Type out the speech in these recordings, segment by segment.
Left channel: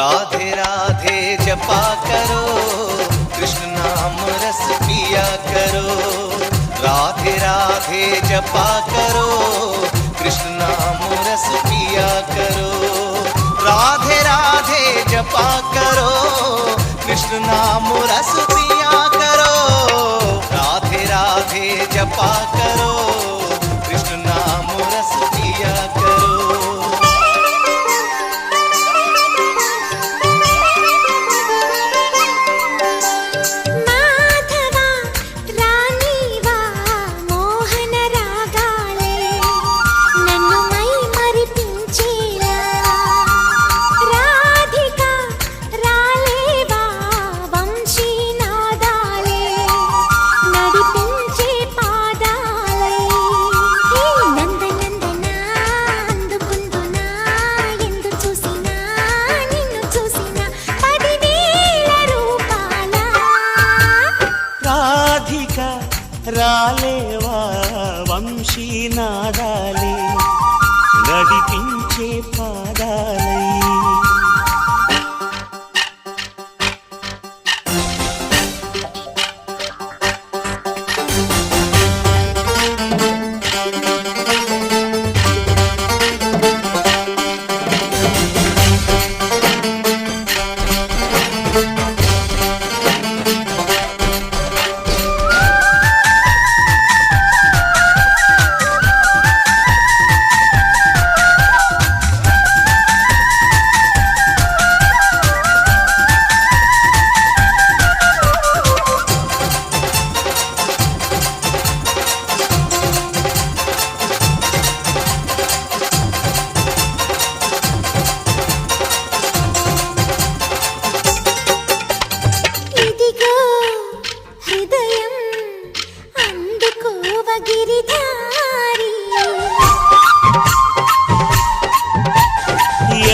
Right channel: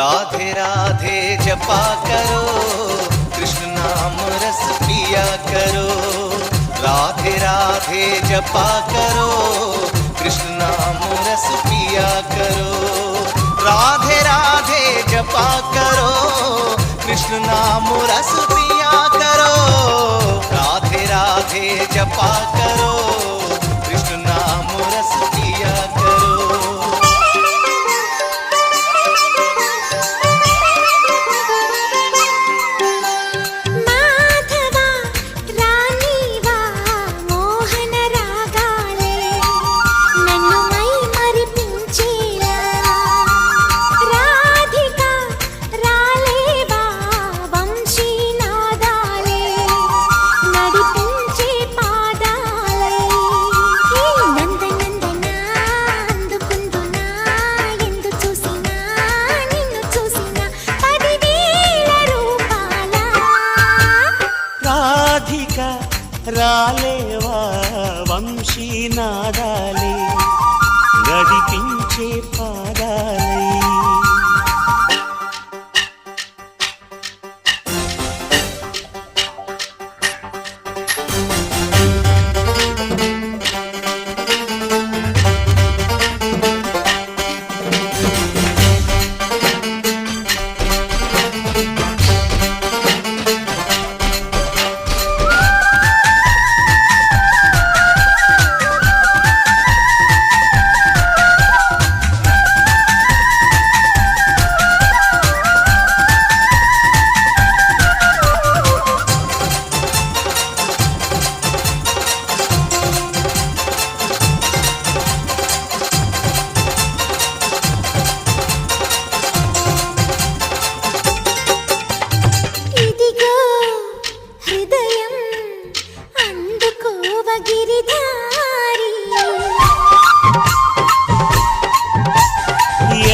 राधे राधे जपा करो, कृष्ण नाम रस पिया करो। राधे राधे जपा करो, कृष्ण नाम रस पिया करो। राधे राधे जपा करो, कृष्ण नाम रस पिया करो। राधे राधे जपा करो, कृष्ण नाम रस पिया करो। రాలేవా వంశీ నాదాలే నడిపించే పాదాలై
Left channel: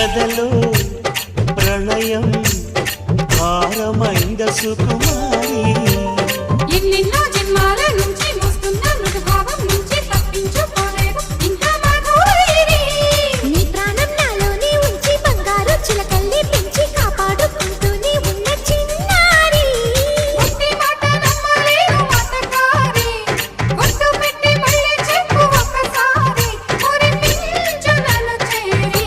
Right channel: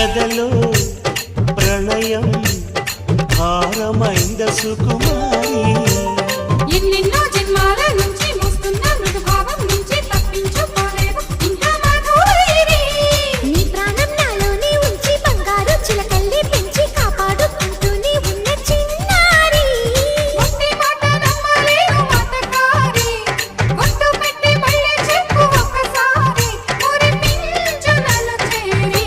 ఎదలో ప్రళయం భారమైంద సుకుమారి ఎన్నెన్నో జన్మాల నుంచి వస్తున్న మృదుభావం నుంచి తప్పించుకోలేవు ఇంకా మధురైరి. నీ ప్రాణం నాలోనే ఉంచి బంగారు చిలకల్లి పెంచి కాపాడుకుంటూనే ఉన్న చిన్నారి. ఒట్టి మాట నమ్మలేరు మతకారి, ఒట్టు పెట్టి మళ్ళీ చెప్పు ఒక్కసారి మురిపించు నన్ను చేరి.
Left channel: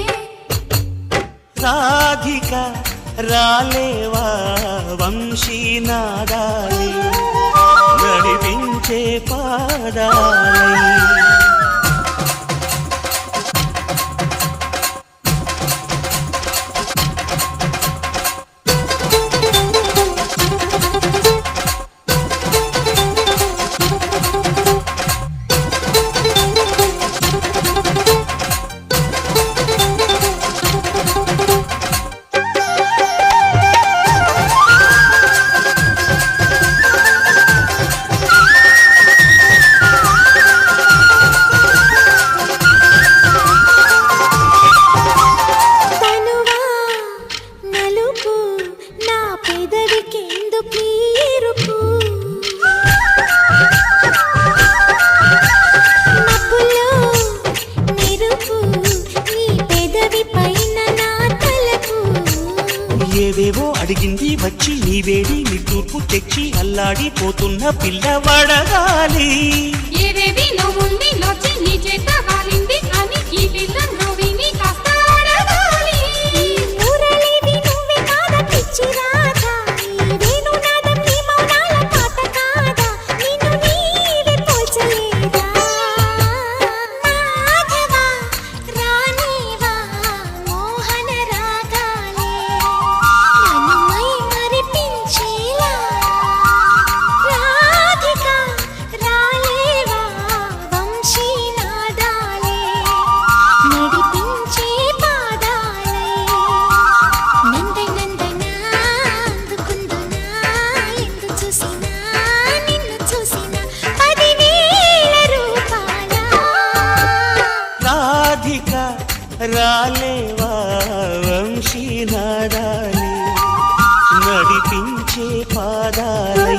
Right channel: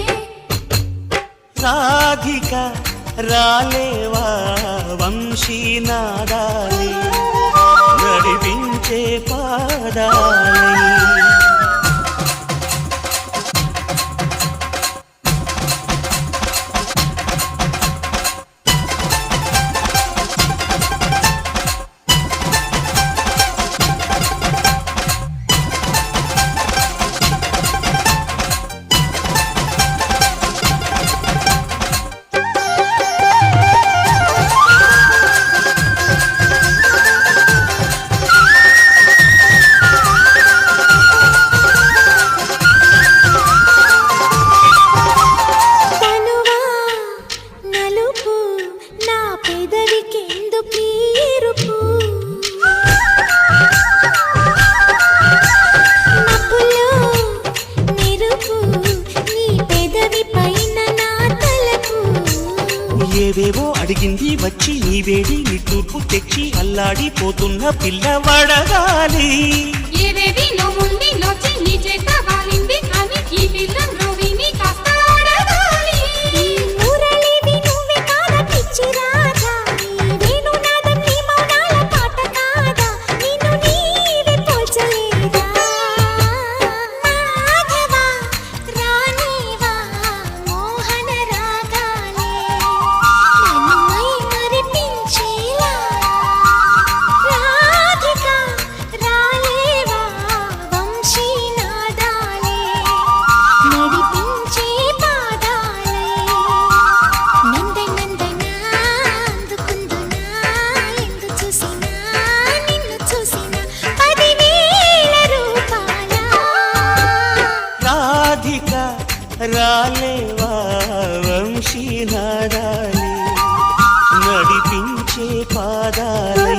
రాధిక రాలేవా వంశీ నాదాలే నడిపించే పాదాలై ఏదేవో అడిగింది వచ్చి నీ వేడి నీ తూర్పు తెచ్చి అల్లాడిపోతున్న పిల్లవాడగాలి. ఏవేవి నువ్వుంది నొచ్చి నీ చేత వాలింది అని ఈ పిల్ల రోగిని కాస్త అడగాలి. ఊరలేవి నువ్వే కాదా పిచ్చి రాధా, నేను నాదం నీ మౌనాల పాట కాదా, నిన్ను నీవి పూచలేదా. మాధవా రానివా మోహన రాగాలే నన్ను మై మరిపించేలా. రాధిక రాలేవా వంశీ నాదాలే నడిపించే పాదాలే. నందనందనా అందుకుందునా ఎందు చూసినా నిన్ను చూసినా 10,000 రూపాల. రాధిక రాలేవా వంశీ నాదాలే నడిపించే పాదాలై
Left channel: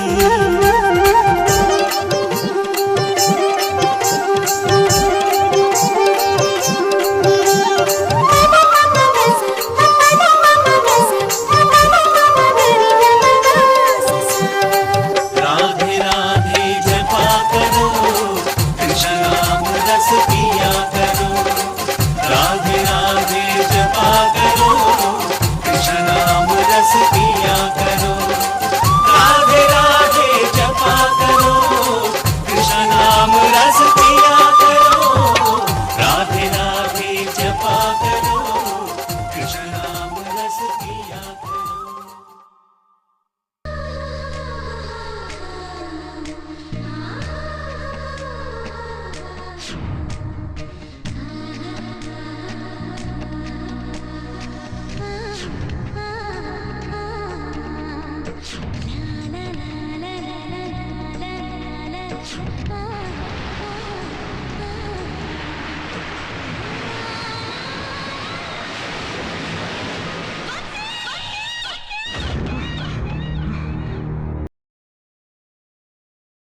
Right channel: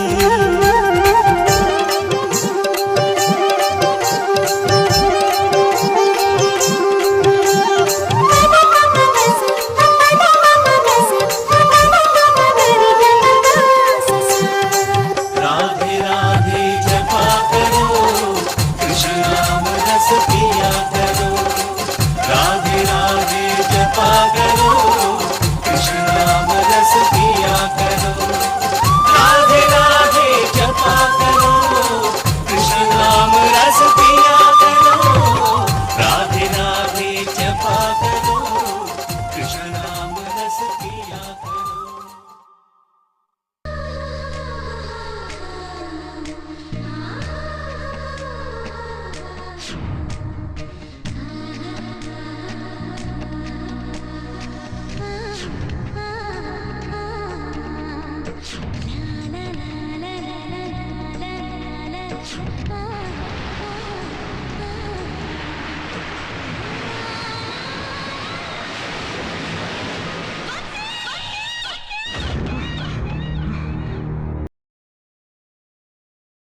Bye. जपा करो